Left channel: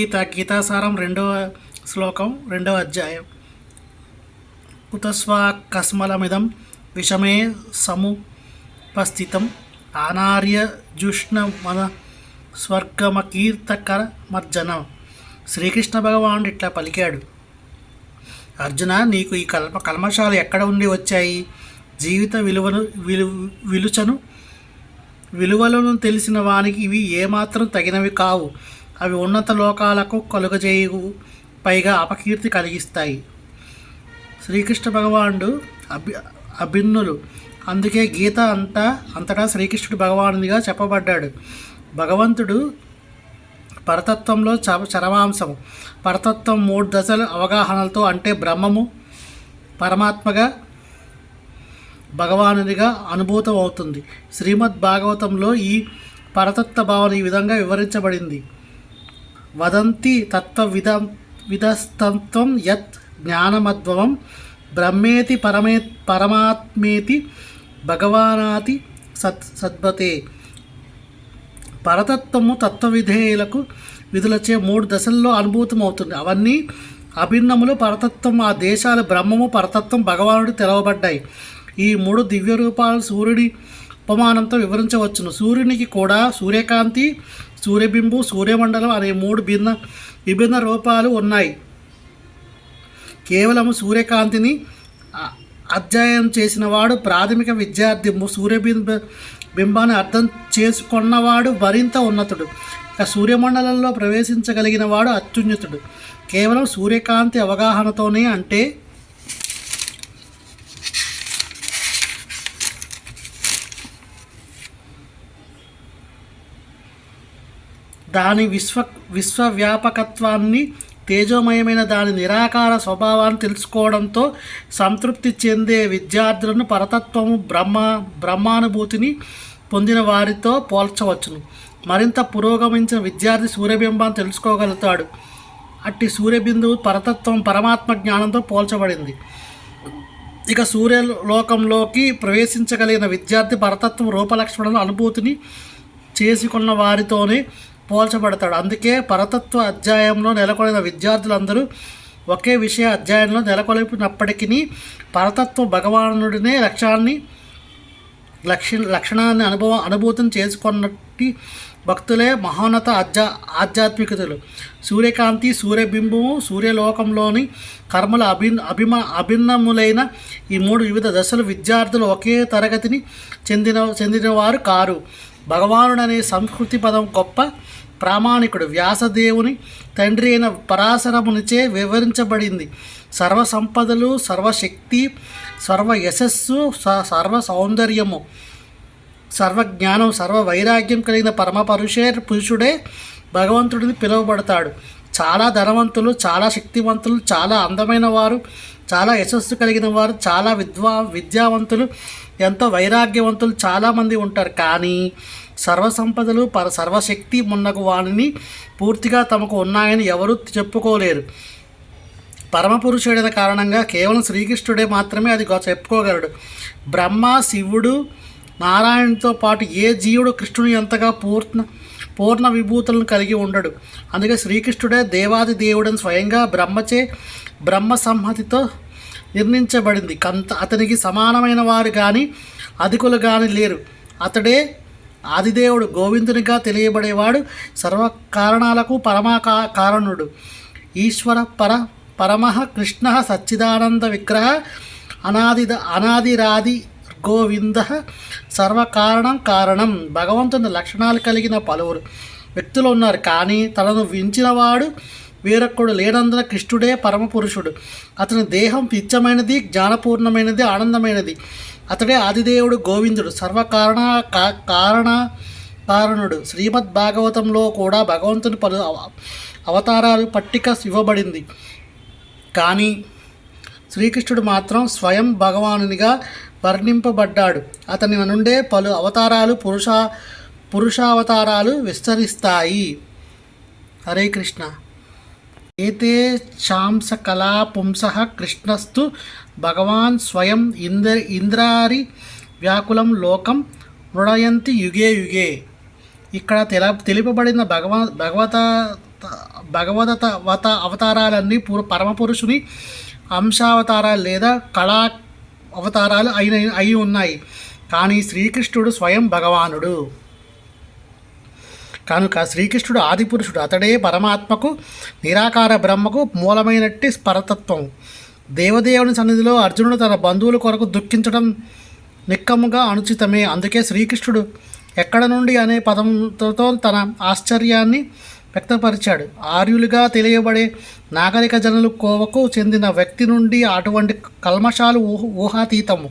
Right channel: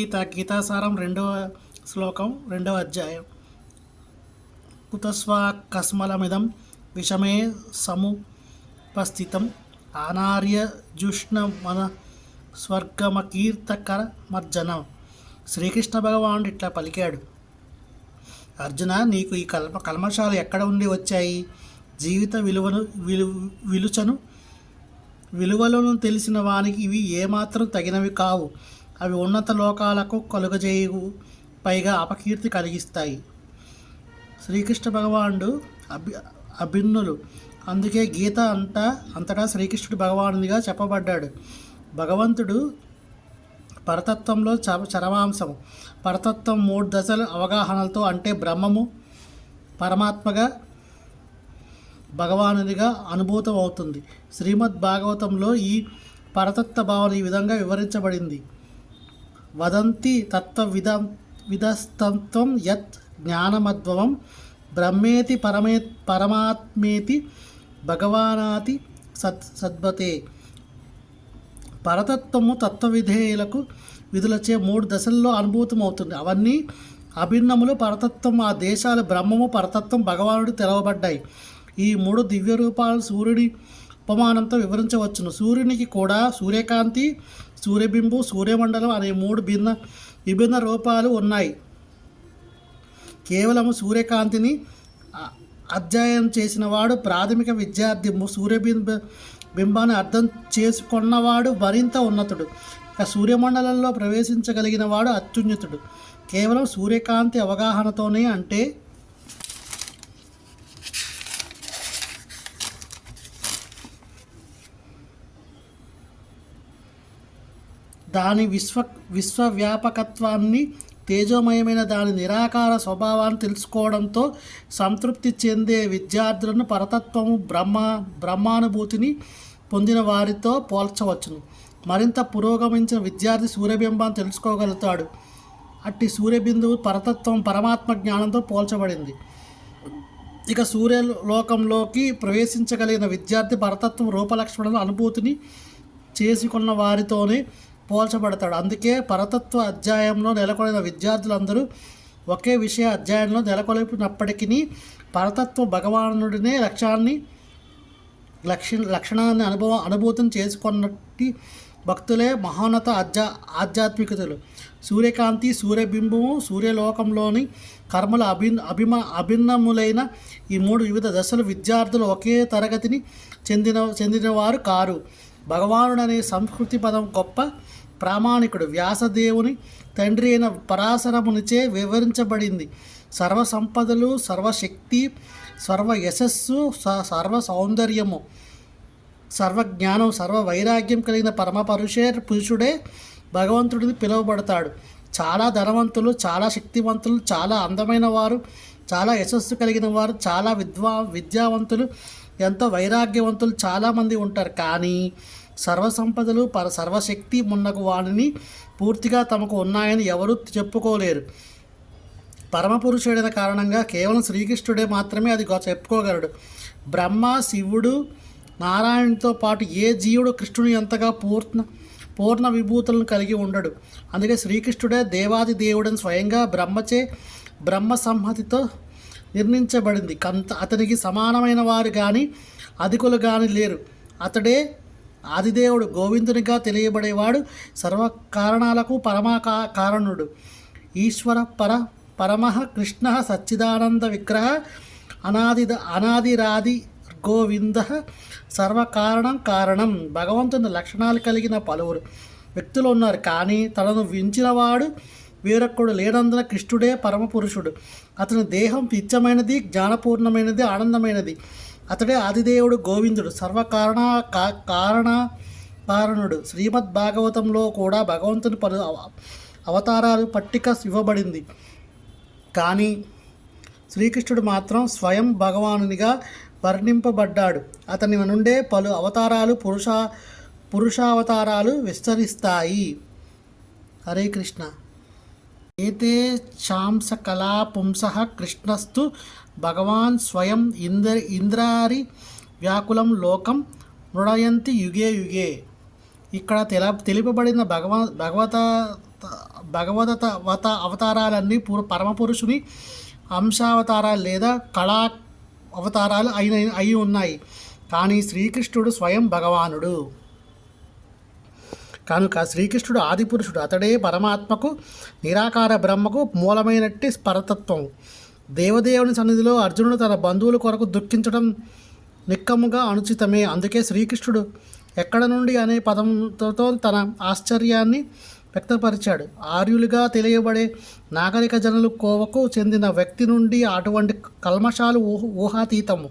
గీతాసారం 2వ శ్లోకం 2వ అధ్యాయం. కుతస్వాకస్మలమిదం విషమే సముపస్థితం ఆనార్య జుష్ణమన స్వర్గమకీర్తకర మర్జనం. శ్రీకృష్ణ భగవానుడు ఇట్లా పలికాడు: అర్జున, నీకు ఈ కల్మషాలు ఎక్కడ ఉండి వచ్చాయి? జీవిత విలువలను తెలిసిన వానికి ఇవి ఏమాత్రం తగినవి కావు. అవి ఉన్నత లోకాలకు కలుగజేయు, పైగా అపకీర్తి కలిగిస్తాయి. శ్రీకృష్ణ భగవానుడు అభిన్నులు. అందుకే గీత అంతటా శ్రీకృష్ణుడు భగవానుడిగా చెప్పబడ్డాడు. భగవంతుడు పరతత్వంలో చరమాంశము. పరతత్వం 3 దశల అవగాహనలతో, అంటే బ్రహ్మము, పరమాత్మగా, భగవానునిగా అనుభూతం అవుతుంది. శ్రీమద్ భాగవతంలో ఈ పరతత్వ భావన ఈ విధంగా వివరించబడింది: వదంతి విధస్తత్వం యత్ జ్ఞానమద్భవం బ్రహ్మేతి పరమాత్మేతి భగవానాతి సద్భతే. పరతత్వము తత్వవిధేయులకు విధులచే 3 దశల్లో అనుభూతం అవుతుంది. అవన్నీ అభిన్నములు. పరతత్వం ఆ దేశాలు బ్రహ్మము, పరతత్వం, భగవానుడు తెలవబడ్డాయి. ఈ 3 దివ్య రూపాలు సూర్యుడి ఉపమానంతో వివరించవచ్చును. సూర్యునికి కూడా సూర్యకాంతి, సూర్యబింబు, సూర్యమండలం అనే 3 విభిన్న రూపాలు ఉన్నాయి. కేవలము సూర్యకాంతిని అధ్యయనం చేసిన వాడు ప్రాథమిక విద్యార్థి. బింబాన్ని అర్థం చేసుకున్నవాడు మరింత ఉన్నతుడు. సూర్యమండలంలో ప్రవేశించగలిగిన వాడు అత్యున్నతుడు. కేవలం సూర్యకాంతి అవగాహనతోనే, అంటే దాని విశ్వవ్యాపకత్వాన్ని, తేజోమయమైన దాని నిరాకార స్వభావాన్ని తెలుసుకోవడంతో సంతృప్తి చెందే విద్యార్థులను పరతత్వము, బ్రహ్మానుభూతిని పొందిన వారితో పోల్చవచ్చును. మరింత పురోగమించిన విద్యార్థి సూర్యబింబాన్ని తెలుసుకోగలుగుతాడు. అట్టి సూర్యబిందువు పరతత్వం, పరమాత్మ జ్ఞానంతో పోల్చబడింది. ఇక సూర్యలోకంలోకి ప్రవేశించగలిగిన విద్యార్థి పరతత్వం, రూపలక్షణాల అనుభూతిని చేసుకున్న వారితోనే పోల్చబడతాడు. అందుకే పరతత్వ అధ్యాయంలో నెలకొల్పిన విద్యార్థులందరూ ఒకే విషయ అధ్యాయంలో నెలకొల్పినప్పటికీ పరతత్వ భగవానుడినే లక్షణాన్ని అనుభూతం చేసుకున్నట్టి భక్తులే మహోన్నత ఆధ్యాత్మికతలు. సూర్యకాంతి, సూర్యబింబము, సూర్యలోకంలోని కర్మల అభిన్నములైన ఈ 3 వివిధ దశలు విద్యార్థులు ఒకే తరగతిని చెందినవారు కారు. భగవానుడనే సంస్కృతి పదం గొప్ప ప్రామాణికుడు వ్యాసదేవుని తండ్రి అయిన పరాశరమునిచే వివరించబడింది. సర్వ సంపదలు, సర్వశక్తి, సర్వ యశస్సు, సర్వ సౌందర్యము, సర్వజ్ఞానం, సర్వ వైరాగ్యం కలిగిన పురుషుడే భగవంతుడిని పిలువబడతాడు. చాలా ధనవంతులు, చాలా శక్తివంతులు, చాలా అందమైన వారు, చాలా యశస్సు కలిగిన వారు, చాలా విద్యావంతులు, ఎంతో వైరాగ్యవంతులు చాలామంది ఉంటారు. కానీ సర్వసంపదలు, సర్వశక్తి మున్నగు వాణిని పూర్తిగా తమకు ఉన్నాయని ఎవరూ చెప్పుకోలేరు. పరమపురుషుడైన కారణంగా కేవలం శ్రీకృష్ణుడే మాత్రమే అది చెప్పుకోగలడు. బ్రహ్మ, శివుడు, నారాయణుడితో పాటు ఏ జీవుడు కృష్ణుని ఎంతగా పూర్ణ విభూతులను కలిగి ఉండడు. అందుకే శ్రీకృష్ణుడే దేవాది దేవుడని స్వయంగా బ్రహ్మ సంహతితో నిర్ణయించబడింది. అతనికి సమానమైన వారు కానీ అధికులు కానీ లేరు. అతడే ఆదిదేవుడు, గోవిందునిగా తెలియబడేవాడు, సర్వకారణాలకు కారణుడు. ఈశ్వర పరమః కృష్ణ సచ్చిదానంద విగ్రహ అనాదిరాది గోవింద కారణం. భగవంతుని లక్షణాలు కలిగిన పలువురు వ్యక్తులు ఉన్నారు, కానీ తనను వించినవాడు వేరొక్కడు లేనందున కృష్ణుడే పరమపురుషుడు. అతని దేహం నిత్యమైనది, జ్ఞానపూర్ణమైనది, ఆనందమైనది. అతడే ఆదిదేవుడు, గోవిందుడు, కారణుడు. శ్రీమద్ భాగవతంలో కూడా భగవంతుని పలు అవతారాలు పట్టిక ఇవ్వబడింది. కానీ శ్రీకృష్ణుడు మాత్రం స్వయం భగవానునిగా వర్ణింపబడ్డాడు. అతని నుండే పలు అవతారాలు, పురుషావతారాలు విస్తరిస్తాయి. హరే కృష్ణ. ఏతే చాంసకళా పుంసః కృష్ణస్తు భగవాన్ స్వయం ఇంద్రారి వ్యాకులం లోకం మృడయంతి యుగే యుగే. ఇక్కడ తెలుపబడిన భగవత అవతారాలన్నీ పరమపురుషుని అంశావతారాలు లేదా కళా అవతారాలు అయి ఉన్నాయి. కానీ శ్రీకృష్ణుడు స్వయం భగవానుడు కనుక శ్రీకృష్ణుడు ఆదిపురుషుడు. అతడే పరమాత్మకు, నిరాకార బ్రహ్మకు మూలమైనట్టి పరతత్వం. దేవదేవుని సన్నిధిలో అర్జునుడు తన బంధువుల కొరకు దుఃఖించడం నిక్కముగా అనుచితమే. అందుకే శ్రీకృష్ణుడు ఎక్కడ నుండి అనే పదంతో తన ఆశ్చర్యాన్ని వ్యక్తపరిచాడు. ఆర్యులుగా తెలియబడే నాగరిక జనులు కోవకు చెందిన వ్యక్తి నుండి అటువంటి కల్మషాలు ఊహాతీతము.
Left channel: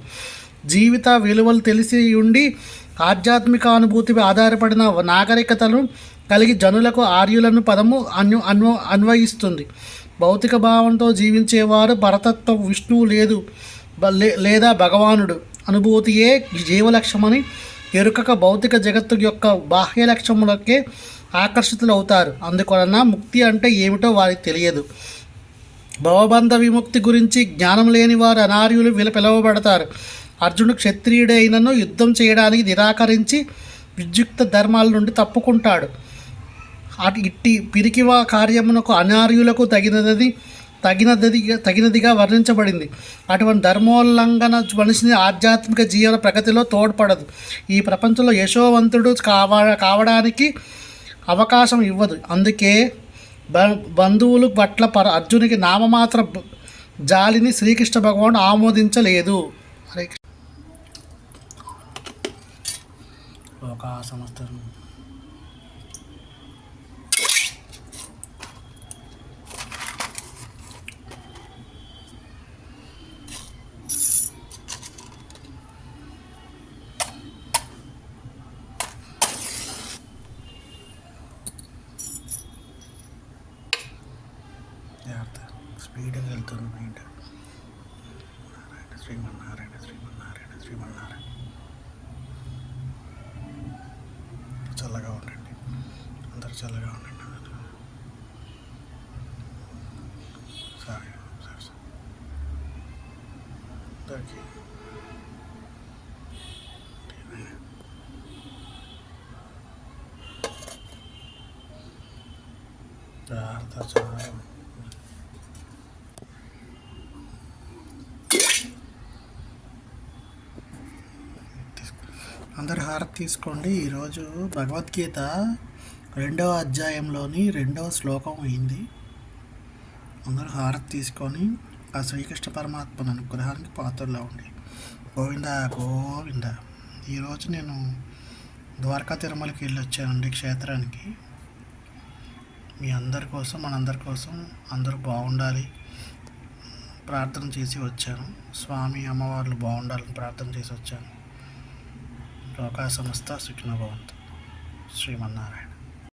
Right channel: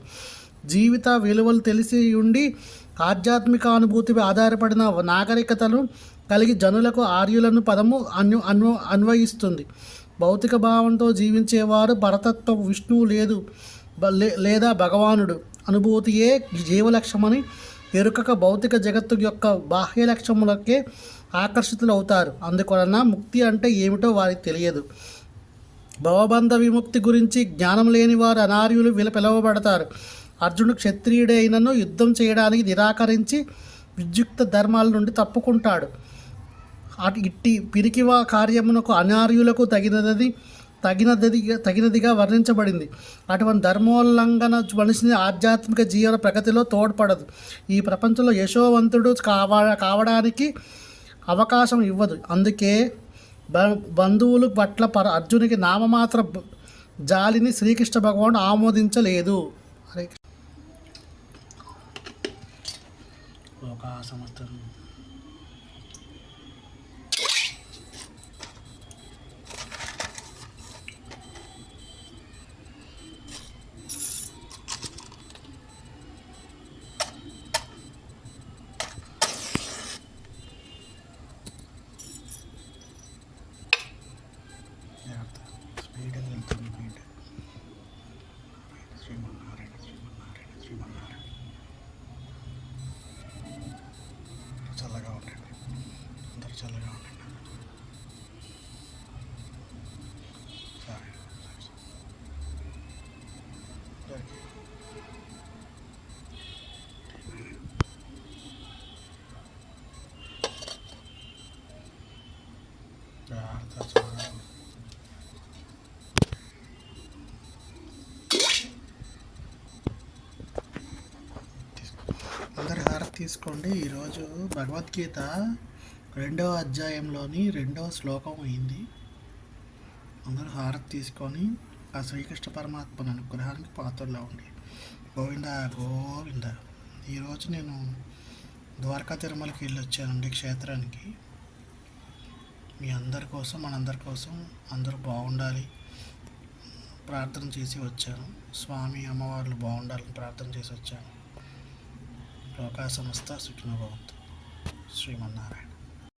జీవిత విలువలు తెలిసి ఉండి ఆధ్యాత్మిక అనుభూతిపై ఆధారపడిన నాగరికతను కలిగి జనులకు ఆర్యులను పదము అన్వయిస్తుంది. భౌతిక భావంతో జీవించేవారు పరతత్వం, విష్ణువు లేదా భగవానుడు అనుభూతియే జీవలక్ష్యమని ఎరుకక భౌతిక జగత్తు యొక్క బాహ్య లక్ష్యములకే ఆకర్షితులు అవుతారు. అందువలన ముక్తి అంటే ఏమిటో వారికి తెలియదు. భవబంధ విముక్తి గురించి జ్ఞానం లేని వారు అనార్యులు పిలువబడతారు. అర్జునుడు క్షత్రియుడైనను యుద్ధం చేయడానికి నిరాకరించి విద్యుక్త ధర్మాల నుండి తప్పుకుంటాడు. ఇట్టి పిరికివా కార్యమునకు అనార్యులకు తగినదిగా వర్ణించబడింది. అటువంటి ధర్మోల్లంఘన మనిషిని ఆధ్యాత్మిక జీవన ప్రగతిలో తోడ్పడదు. ఈ ప్రపంచంలో యశోవంతుడు కావడానికి అవకాశం ఇవ్వదు. అందుకే బంధువులు పట్ల అర్జునికి నామమాత్ర జాలిని శ్రీకృష్ణ భగవానుడు ఆమోదించలేదు. హరే లోకా సమస్తం స్పీడ్గా వెళ్తున్నాను. శ్రీమన్నారాయణ శ్రీమన్నారాయణ శ్రీమన్నారాయణ. చల్లగా ఉండండి, అందరు చల్లగా ఉండండి. సరే అందరికీ అందరు హారతి తీసుకోండి. ఈరోజు భగవద్గీత 2వ అధ్యాయంలోని 2వ శ్లోకం అయింది. అందరూ హారతి తీసుకొని ఆ శ్రీకృష్ణ పరమాత్మ అనుగ్రహానికి పాత్రలో ఉండి గోవింద గోవింద. ఈరోజు నేను ద్వారకా తిరుమలకి వెళ్ళి వచ్చానండి, క్షేత్రానికి. మీ అందరి కోసం, మనందరి కోసం అందరూ బాగుండాలి ప్రార్థన చేసి వచ్చాను. స్వామి అమ్మవార్లు బాగుండాలని ప్రార్థన చేసి వచ్చాను. లోకా సమస్త సుఖినో భవంతు. శ్రీమన్నారాయణ.